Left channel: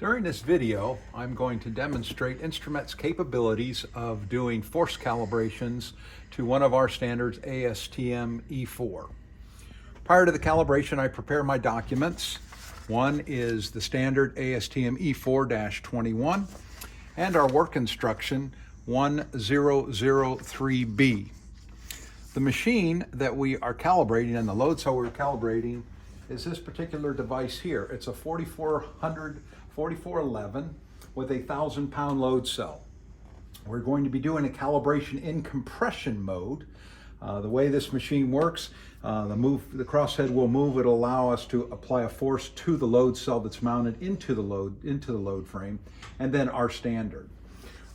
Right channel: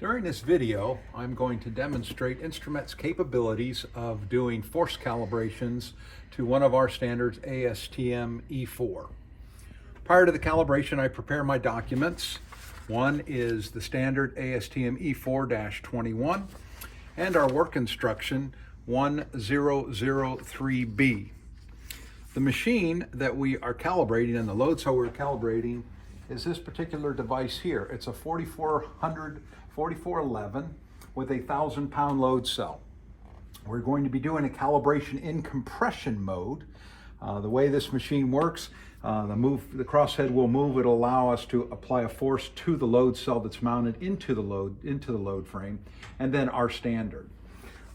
During this video, I'm going to demonstrate Instru-Met's capabilities of doing force calibrations to one of our standards, ASTM E4. Prior to the calibration, I prepare my documents. One is the standard ASTM E4-21 and our work instruction 1003B. The machine that we are calibrating and the load cell we're calibrating is this particular device here. It's a 4411 with a 1,000-pound load cell. We're going to be doing a calibration in compression mode. The way this machine works, the crosshead will move. It'll allow us to apply a force to the load cell that's mounted into the load frame, and then our standard.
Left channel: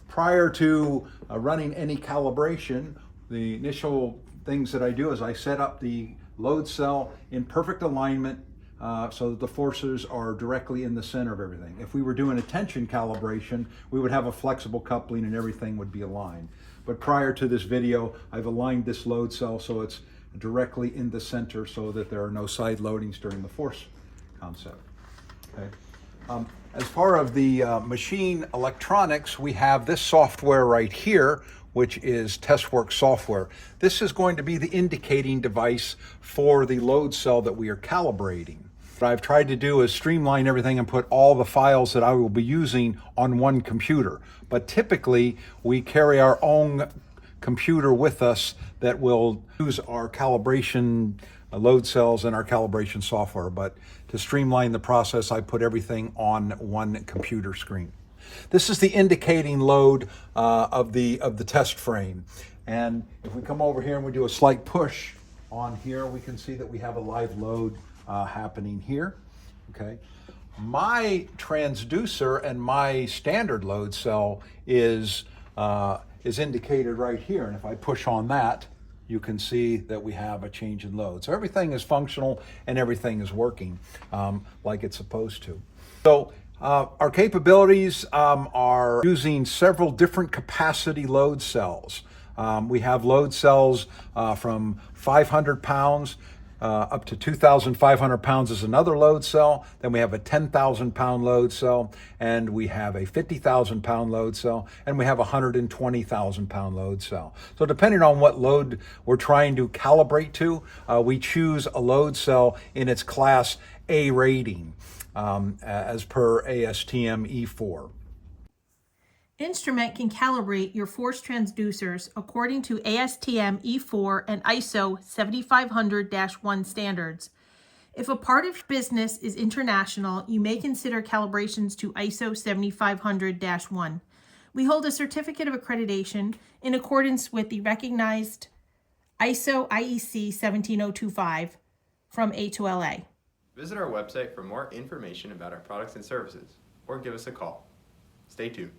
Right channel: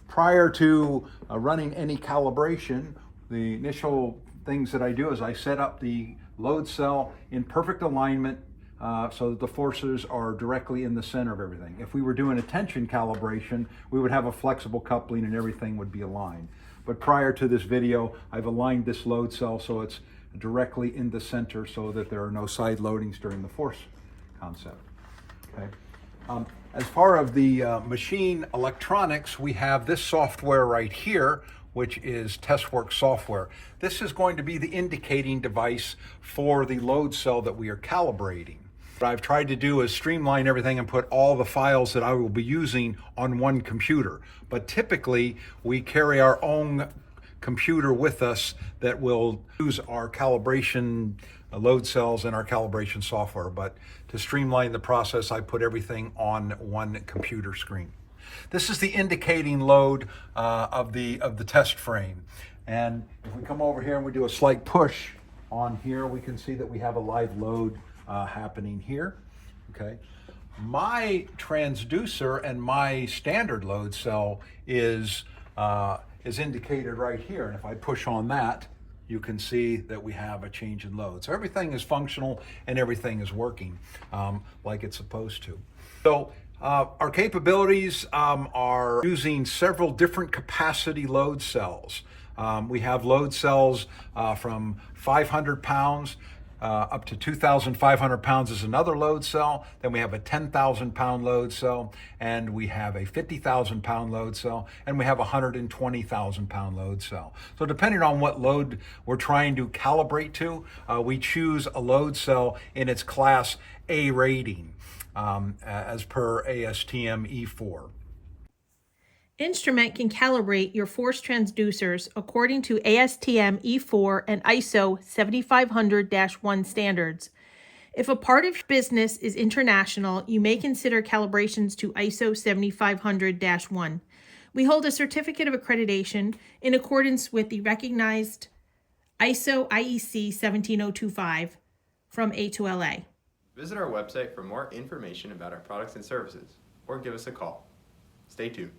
Prior to running any calibration, the initial things that I do is I set up the load cell in perfect alignment so that the forces are directly in the center of everything. If we were doing a tension calibration, we would have a flexible coupling and everything would be aligned. But prior to this video, I've aligned this load cell so it's directly in the center so that there are no side loadings during the force concept. Okay. As far as the machine electronics, we have this software right here, which is TestWorks software. This is going to be the indicating device for the load cell that we are calibrating. What I've tried to do is streamline everything and put all the files that I will be using on one computer. But typically, we carry our own computer with us that will use our calibration load cells and our calibration software. But to streamline the process, I put everything on one computer screen. This is the indicating load of the test frame. And if we come over here and we do a slight push on here, we can see that we have a live load happening here. Okay. My transducer and my standard load cell is indicated right here. And if I push on that, you can see that we have a change in load. So everything is functional and everything is working like it's supposed to. So our capabilities are using several different capacity load cells. We have load cells from 500 pounds up to 2,500 pounds is another load cell. Then we have a 10,000 pound load cell, and we have a 50,000 pound load cell, and we have a 120,000 pound load cell. So depending on what load we're trying to calibrate to, we choose a load cell in its class A rating as per ASTM E4. Instru-Met can calibrate your force transducers according to ASTM E4 and ISO 7500-1 standards. If a part of your business is international, you may consider calibrations to ISO 7500-1. We hold a certificate of accreditation in accordance with the recognized ISO IEC 17025 from A2LA. Visit our website for more information about our products and services, or give us a call. Stay tuned.